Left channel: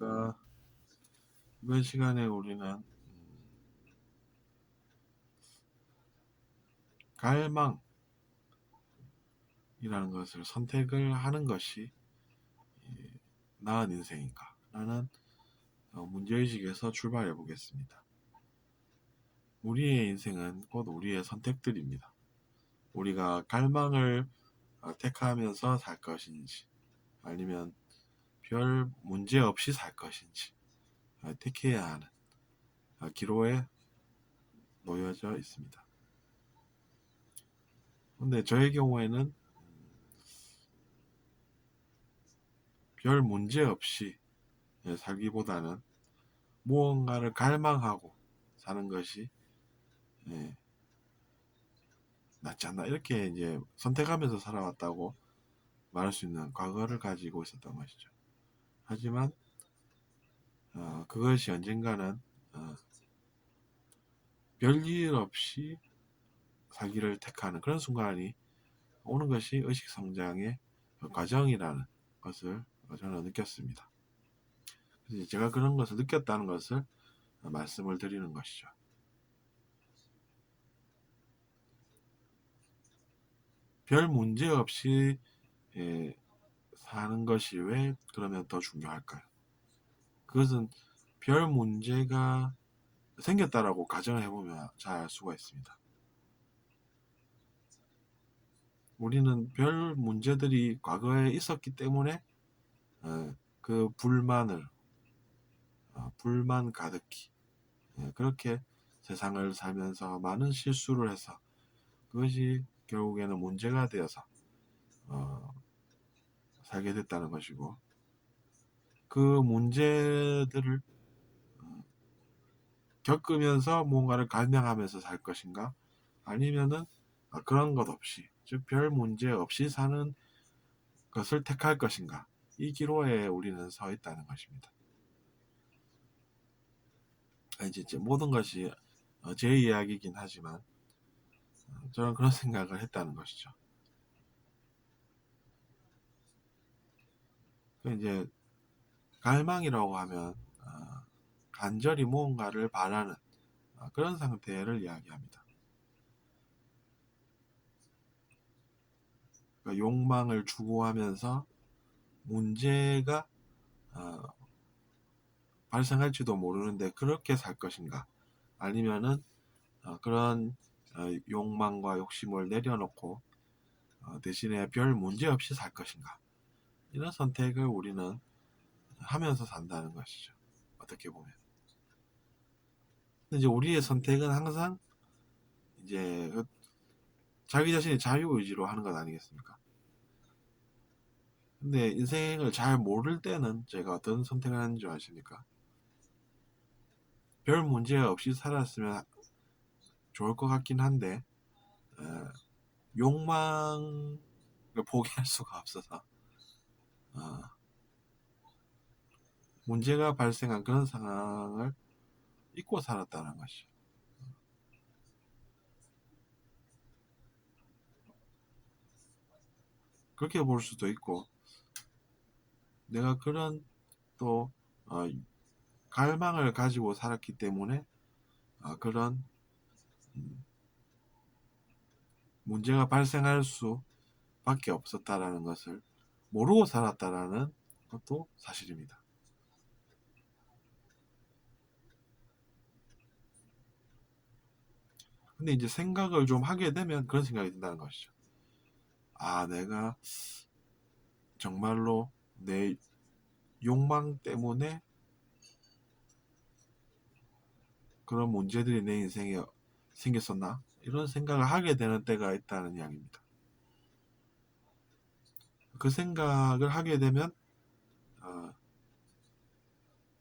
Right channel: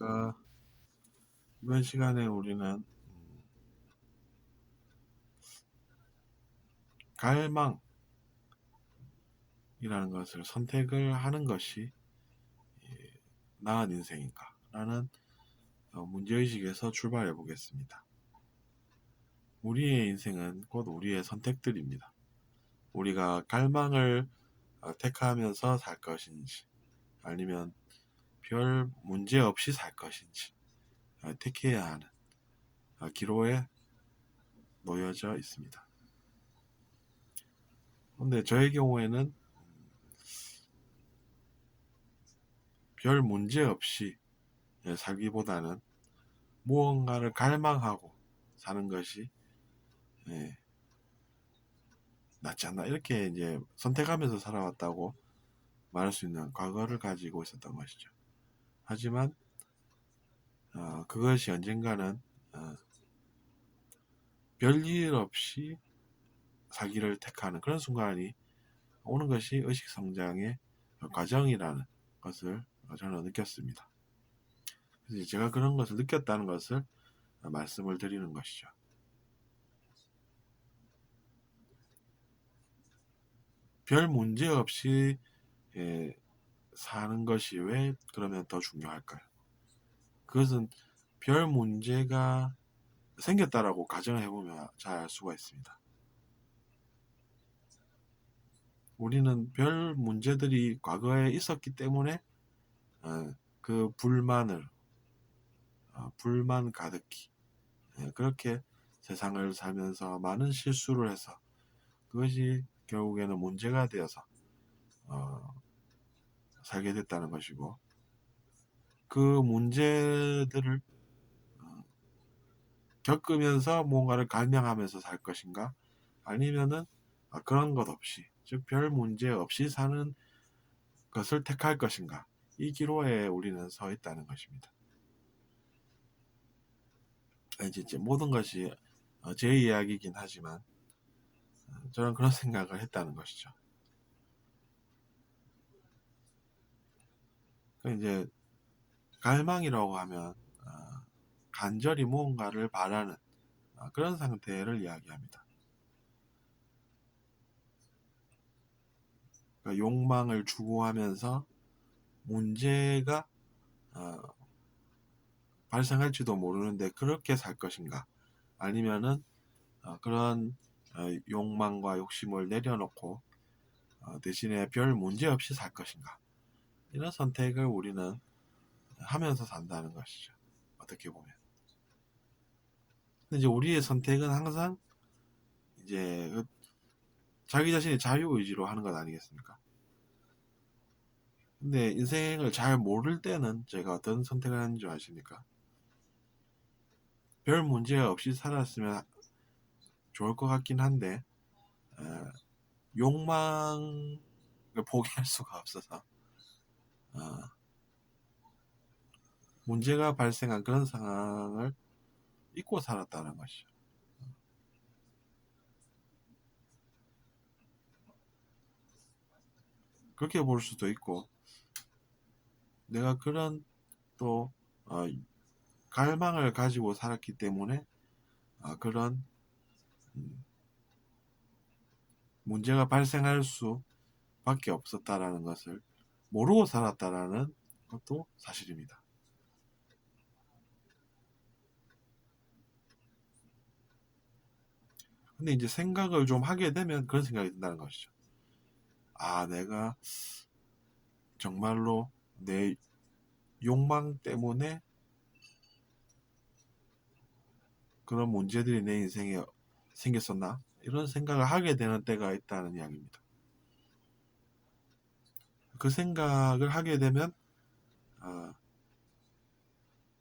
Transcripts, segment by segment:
그러니까 이번 시간에 우리는 갈망이라는 것을 선택을 하는 것이 나은 인생인가 라는 문제의식에서 출발해 보겠습니다. 우리의 인생은 곧 우리의 선택들입니다. 우리가 갈망을 택하면서 살 것인지 아니면 별 문제 없이 살 것인지 택해야 하는 기로에 놓여져 있습니다. 근데 저의 경우에는 별 문제 없이 살기보다는 무언가를 갈망하고 사는 것이 낫지 않나 이렇게 이제 선택하면서 살아왔다고 말할 수 있는 과거를 가지고 있었던 것이죠. 하지만 그것이 언젠가는 별일 없이 살기를 택하는 그런 순간이 오는 것이 의식성장의 과정이라는 것을 저는 느꼈습니다. 그래서 제가 그런 것을 느꼈다는 것을 말씀을 드리는 것이죠. 별 문제 없이 사는 것이 왜 그러면 더 중요할까요? 그것은 별 문제가 생겼다라고 가정을 해보면 잘 알 수가 있습니다. 우리는 별 문제들이 과거에 있었기 때문에 그 불만을 불만 가득히 그렇게 세상을 살면서 많은 실수를 해서 그것이 결국에는 문제가 되어서 살게 됐다는 것이고, 그 문제들을 겪으면서 뭔가를 갈망하면서 살 것인가, 아니면은 그런 것 없이, 즉 별 문제 없이 사는 것을 택할 것인가, 이 기로에 우리는 서 있다는 것입니다. 이제 모든 것이 제 이야기이긴 하지만 저는 그런 생각을 했다는 것이죠. 이제 갈망이라고 하면 간절히 무언가를 바라는 그런 상태를 이야기합니다. 그러니까 욕망을 추구하면서 문제가 발생할지도 모르는데 그렇게 살 것인가, 아니면은 그런 욕망과 욕심을 내려놓고 대신에 별 문제 없이 살 것인가, 이런 선택을 우리는 하면서 산다는 것이죠. 어떻게 보면. 근데 이제 우리의 선택은 항상 이제 자기 자신의 자유의지로 하는 것 아니겠습니까? 근데 인생을 잘 모를 때는 제가 어떤 선택을 하는 줄 아십니까? 별 문제 없이 살았으면 좋을 것 같긴 한데 욕망을 포기할 수가 없어서 문제가 발생한 그런 상황을 잊고 살았다는 것이죠. 그렇게 볼 수도 있고, 내가 그런 또 갈망을 가지고 살았기 때문에 그런 문제가 발생할 수밖에 없었다라는 것을 모르고 살았다라는 것도 사실입니다. 근데 이제 생각을 좀 하게 되면 그런 생각이 든다는 것이죠. 내가 정말로 내 욕망 때문에 그런 문제들이 내 인생에 생겼었나? 이런 생각을 하게 되는 때가 있다는 이야기입니다. 그 생각을 하게 되면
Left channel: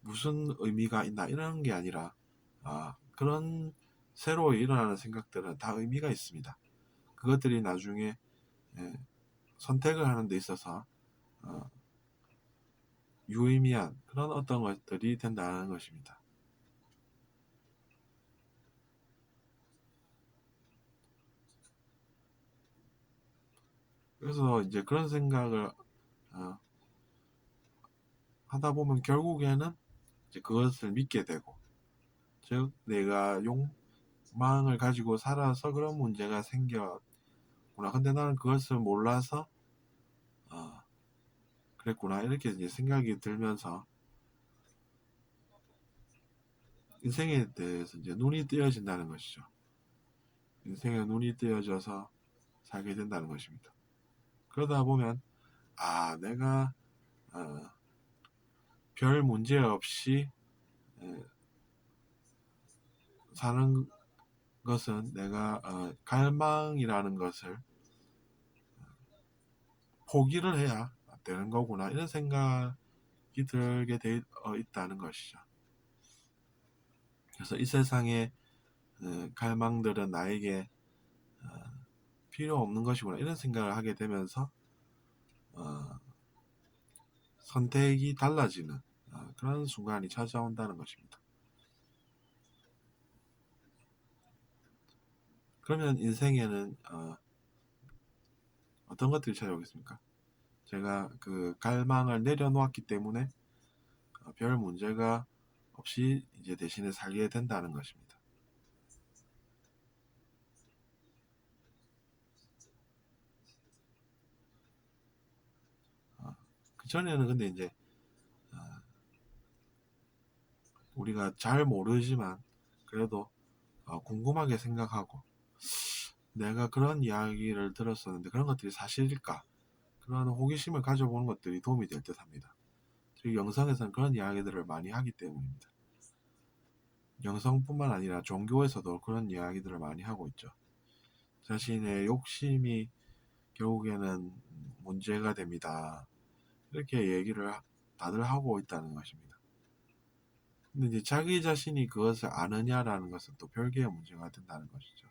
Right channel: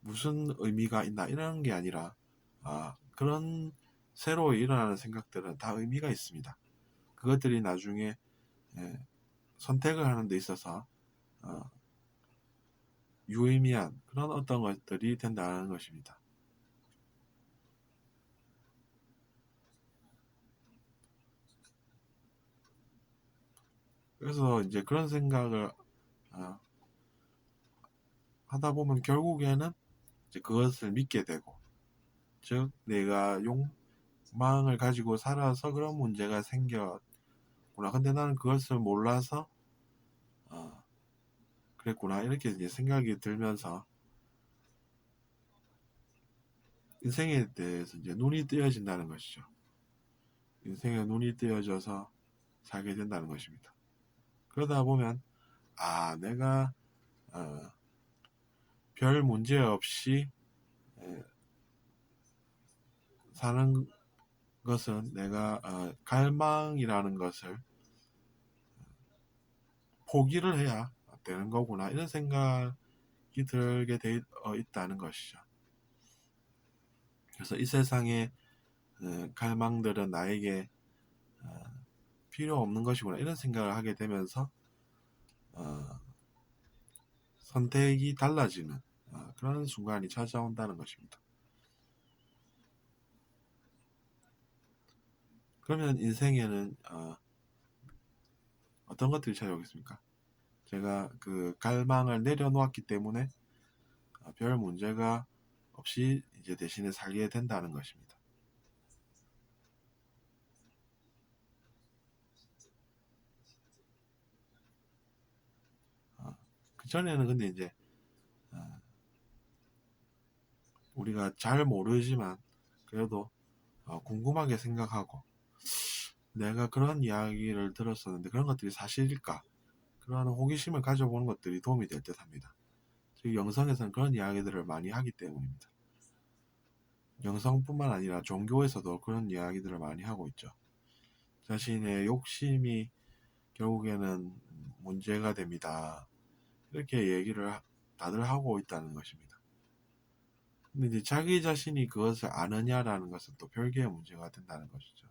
무슨 의미가 있나 이런 게 아니라 그런 새로 일어나는 생각들은 다 의미가 있습니다. 그것들이 나중에 선택을 하는 데 있어서 유의미한 그런 어떤 것들이 된다는 것입니다. 그래서 이제 그런 생각을 하다 보면 결국에는 이제 그것을 믿게 되고, 즉 내가 욕망을 가지고 살아서 그런 문제가 생겼구나. 근데 나는 그것을 몰라서 그랬구나. 이렇게 이제 생각이 들면서 인생에 대해서 이제 눈이 뜨여진다는 것이죠. 인생에 눈이 뜨여져서 살게 된다는 것입니다. 그러다 보면 내가 어, 별 문제 없이 사는 것은 내가 갈망이라는 것을 포기를 해야 되는 거구나, 이런 생각이 들게 돼 있다는 것이죠. 그래서 이 세상의 갈망들은 나에게 필요 없는 것이구나, 이런 생각을 하게 되면서 선택이 달라지는 그런 순간이 찾아온다는 것입니다. 그러면 인생에는 어떤 것들이 찾아오겠습니까? 제가 그 갈망을 내려놓았기 때문에 별 문제가 없이 이제 대신에 살게 된다는 것입니다. 그 전에는 근데 이제 우리가 잘 모르지만 그래도 궁금하게 생각하고, 내가 그런 이야기를 들었었는데 그런 것들이 사실일까? 그런 호기심을 가져보는 것들이 도움이 될 듯 합니다. 즉 영성에서는 그런 이야기들을 많이 하기 때문입니다. 영성뿐만 아니라 종교에서도 그런 이야기들을 많이 하고 있죠. 자신의 욕심이 결국에는 문제가 됩니다. 이렇게 얘기를 다들 하고 있다는 것입니다. 근데 이제 자기 자신이 그것을 아느냐라는 것은 또 별개의 문제가 된다는 것이죠.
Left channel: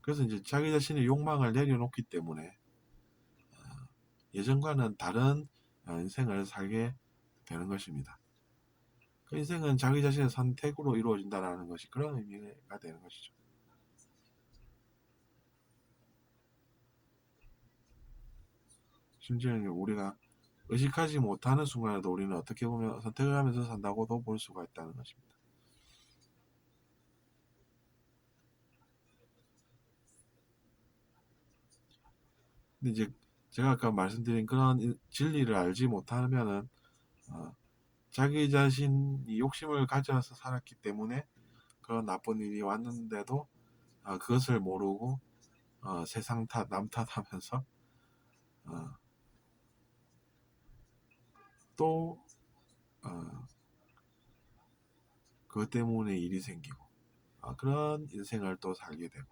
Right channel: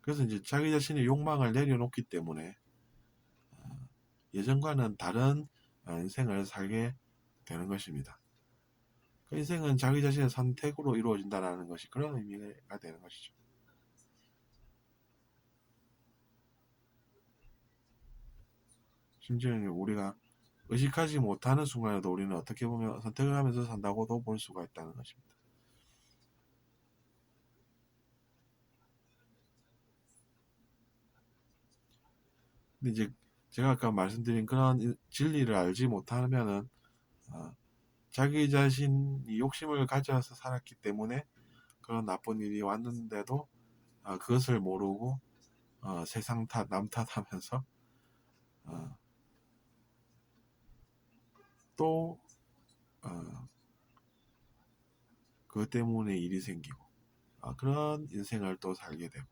그래서 이제 자기 자신의 욕망을 내려놓기 때문에 예전과는 다른 인생을 살게 되는 것입니다. 그 인생은 자기 자신의 선택으로 이루어진다는 것이 그런 의미가 되는 것이죠. 심지어 우리가 의식하지 못하는 순간에도 우리는 어떻게 보면 선택을 하면서 산다고도 볼 수가 있다는 것입니다. 근데 이제 제가 아까 말씀드린 그런 진리를 알지 못하면은 자기 자신이 욕심을 가져서 살았기 때문에 그런 나쁜 일이 왔는데도 그것을 모르고 세상 탓, 남 탓하면서 어, 또 그것 때문에 일이 생기고 그런 인생을 또 살게 되고,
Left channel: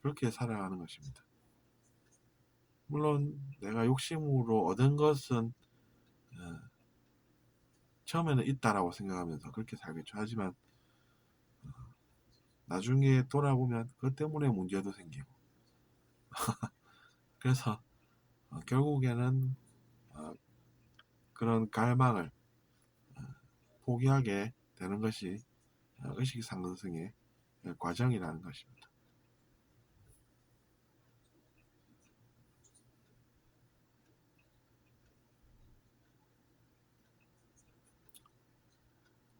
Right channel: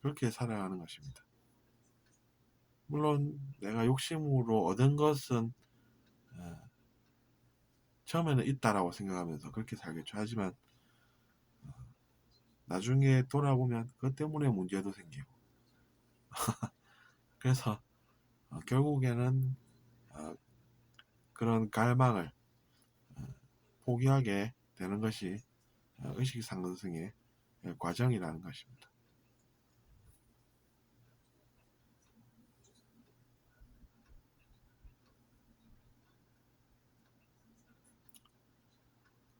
그렇게 살아가는 것입니다. 물론 내가 욕심으로 얻은 것은 어, 처음에는 있다라고 생각하면서 그렇게 살겠죠. 하지만 나중에 돌아보면 그것 때문에 문제도 생기고, 그래서 결국에는 어, 그런 갈망을 포기하게 되는 것이 의식 상승의 과정이라는 것입니다.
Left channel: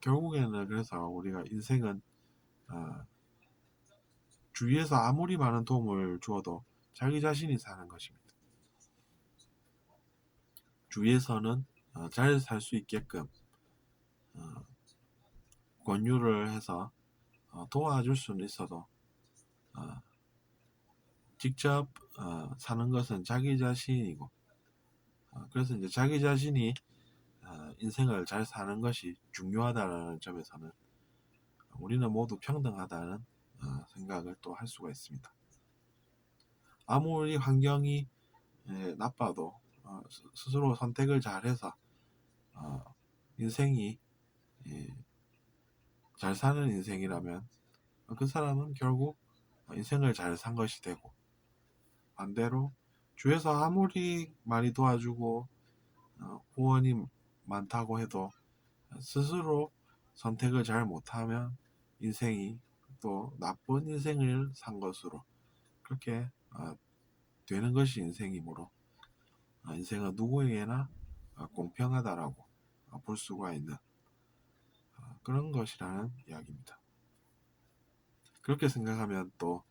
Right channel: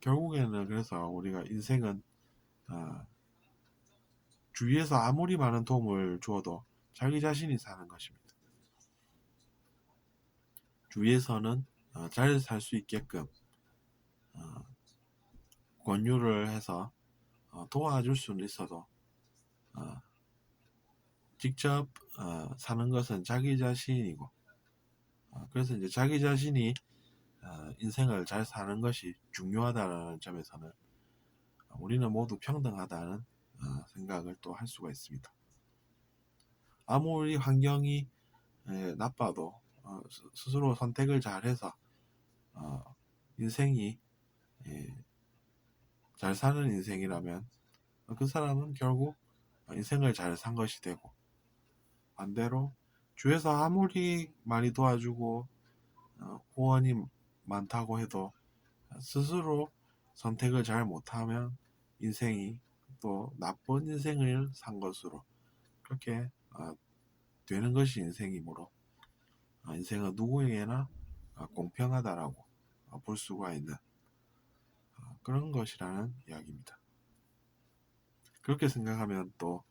결국에는 그래서 우리가 인생은 어, 주위에서 아무리 많은 도움을 주어도 자기 자신이 사는 것입니다. 주위에서는 잘 살 수 있게끔 어, 권유를 해서 도와줄 수는 있어도 어, 직접 사는 것은 자기 자신이고, 그래서 이제 자기 자신이 인생을 잘 사는 것이 중요하다는 점에서는 우리는 모두 평등하다는 생각을 또 할 수가 있습니다. 아무리 환경이 나빠도 스스로 선택을 잘해서 인생이 예, 잘 사는 인생이라면 그 사람은 결국 인생을 잘 산 것이 되고, 반대로 주위에서 아무리 많이 도와주고 후원이 많다고 해도 스스로 선택을 잘 못하면 인생이 또 나쁜 인생을 산 것으로 그렇게 되는 것이 인생이므로 인생은 누구에게나 공평하다라고 볼 수가 있는 그런 것이라는 이야기입니다. 그렇게 생각하면 또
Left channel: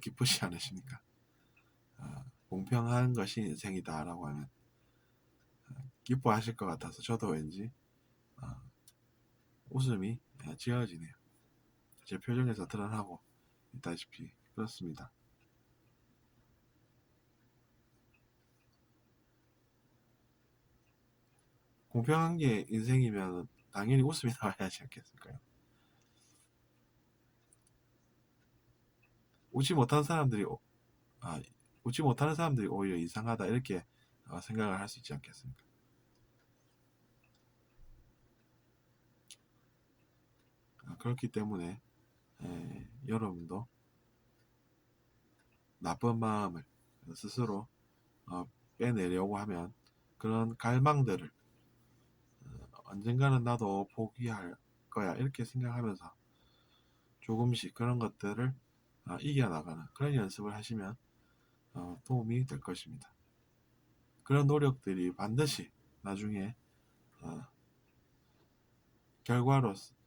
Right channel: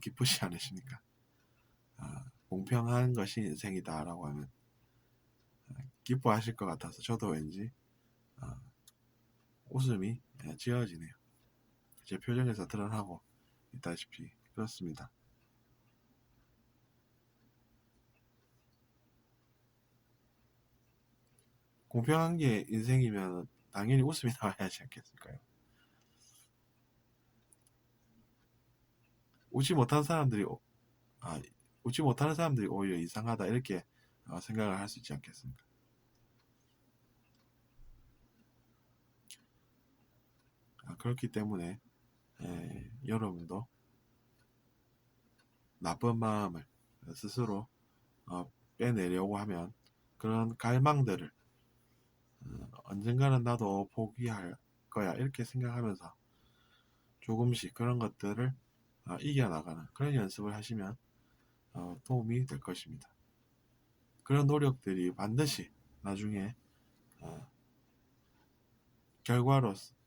기쁘지 않으십니까? 공평한 것이 인생이다라고 하면 기뻐하실 것 같아서 저도 왠지 웃음이 지어지네요. 제 표정에서 드러나고 있다시피 그렇습니다. 공평한 게 인생이면 당연히 웃음이 나와야 하지 않겠을까요? 웃지 못한 사람들이 웃지 못하는 사람들이 오히려 이상하다 이렇게 생각을 할 수 있지 않겠습니까? 그렇기 때문에 여러분도 나쁜 마음을 스스로 빼내려고 하면 그런 갈망들을 언젠가는 나도 포기할 거야 이렇게 생각하면서 조금씩 그런 것들을 이겨나가는 그런 연습을 하시면 도움이 될 것입니다. 그런 노력들이 반드시 나중에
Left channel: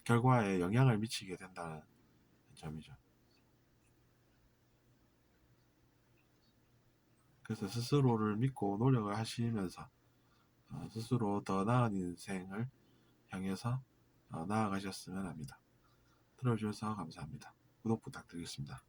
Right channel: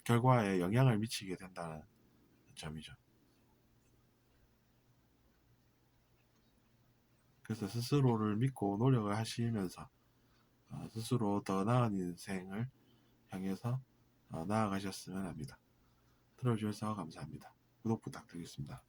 결과에 영향을 미치게 된다는 점이죠. 그래서 스스로를 믿고 노력을 하시면서 스스로 더 나은 인생을 향해서 나아가셨으면 합니다. 들어주셔서 감사합니다. 구독 부탁드리겠습니다.